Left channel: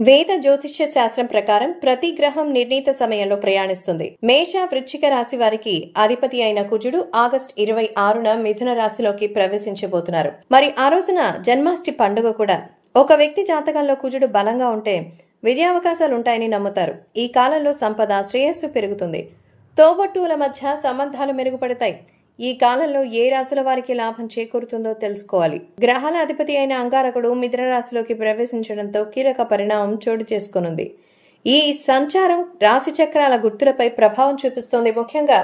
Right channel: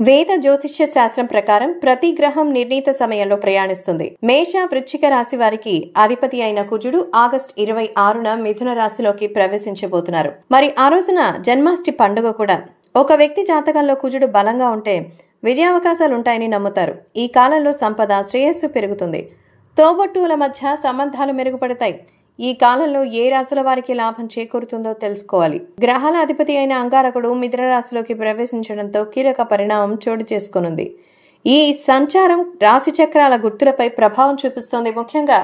వేద జ్యోతిష్య శాస్త్రం ప్రకారం ప్రతి గ్రహం నిర్ణీత సమయంలో ప్రయాణిస్తుంది. మేష, వృశ్చిక రాశి వారికి అధిపతి అయిన కుజుడు ఆగస్టు 26న మిథున రాశిలోకి ప్రవేశించబోతున్నారు. మరి ఆ రోజున జన్మాష్టమి పండుగ కూడా. ఒక వ్యక్తి జాతకంలో కుజుడు బలంగా ఉంటే విజయావకాశాలుంటాయని నమ్ముతారు. ఈ కాలంలో సంపద, శ్రేయస్సు పెరుగుతుంది. తోబుట్టువుల మధ్య సంబంధాలు మెరుగుపడతాయి. ఈ కాలంలో ఏ రాశుల వారికి లాభం చేకూరుతుందో తెలుసుకోవాలి. గ్రహాల అధిపతి అయిన అంగారకుడు మిథున రాశిలోకి ప్రవేశించడంతో కీలక పరిణామం చోటు చేసుకొనుంది. ఈ సంచారం రాశి చక్రాల గుర్తులపై ప్రభావం చూపిస్తోంది. ముఖ్యంగా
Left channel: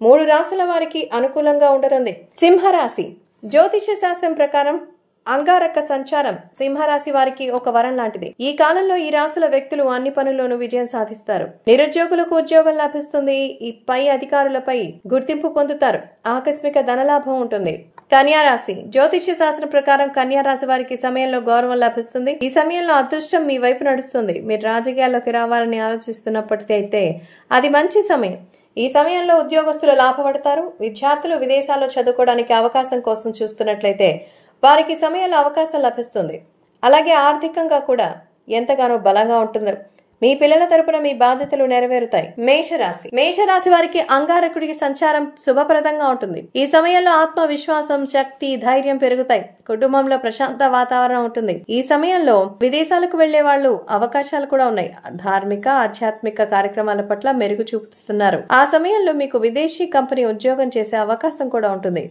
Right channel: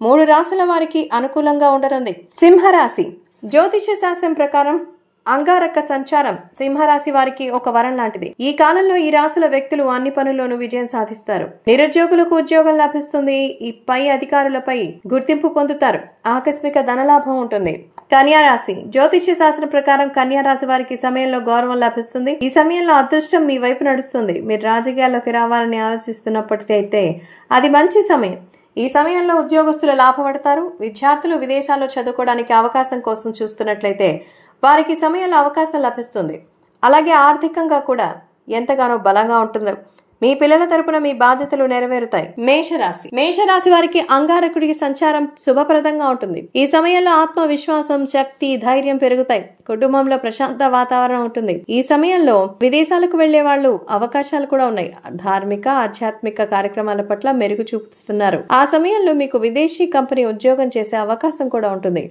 3 రాశుల వారికి అనుకూలంగా ఉండనుంది. సింహరాశి. జ్యోతిష్య శాస్త్రం ప్రకారం అంగారక సంచారం సింహరాశి వారికి ఒక వరం లాంటిది. ఈ కాలంలో ఈ రాశుల వ్యక్తులు అన్ని పనుల్లోనూ విజయం సాధిస్తారు. నిరుద్యోగులకు ఉద్యోగం లభిస్తుంది. ఈ పై అధికారులపై గుర్తింపు పొందుతారు. ఆకస్మిక ధనలాభం ఉంటుంది. కన్యా రాశి. జ్యోతిష్య శాస్త్రం ప్రకారం కన్యా రాశి వారికి సమయంలో గౌరవం లభిస్తుంది. ఈ సమయంలో అదృష్టం మీ వైపు నడుస్తుంది. మీరు రాజకీయాల్లోకి రావాలని ఆలోచిస్తున్నప్పటికైతే అది మంచి సమయం. ఈ సమయంలో ఉద్యోగస్తులు లాభపడతారు. విద్యార్థులు విదేశాల్లో చదువుకోవడానికి అవకాశం కోసం చూస్తున్నట్లయితే వారికి సమయంలో అవకాశం లభిస్తుంది. అలాగే ఆర్థికంగా కూడా ఎంతగానో బలంగా ఉంటున్నారు. మీ పిల్లల తరపున మీ బాధ్యతలు నెరవేరుతాయి. మేషరాశి. మేషరాశి వారికి అంగారకుడికి సంచారం శుభప్రదంగా ఉంటుంది. ఈ సమయంలో ఆత్మవిశ్వాసం, శక్తి, ధైర్యం పెరుగుతాయి. కుటుంబంలో ప్రశాంత వాతావరణం ఉంటుంది. ఈ సమయంలో విదేశాలకు వెళ్లే వాళ్ళు అవకాశాలు కూడా ఉన్నాయి. ధార్మిక, ఆధ్యాత్మిక కార్యక్రమాల పట్ల మెరుగు చూపిస్తున్నారు. ఆ సమయంలో మీకు విదేశీ కంపెనీ ఉద్యోగం చేసే అవకాశం కూడా ఉంటుంది.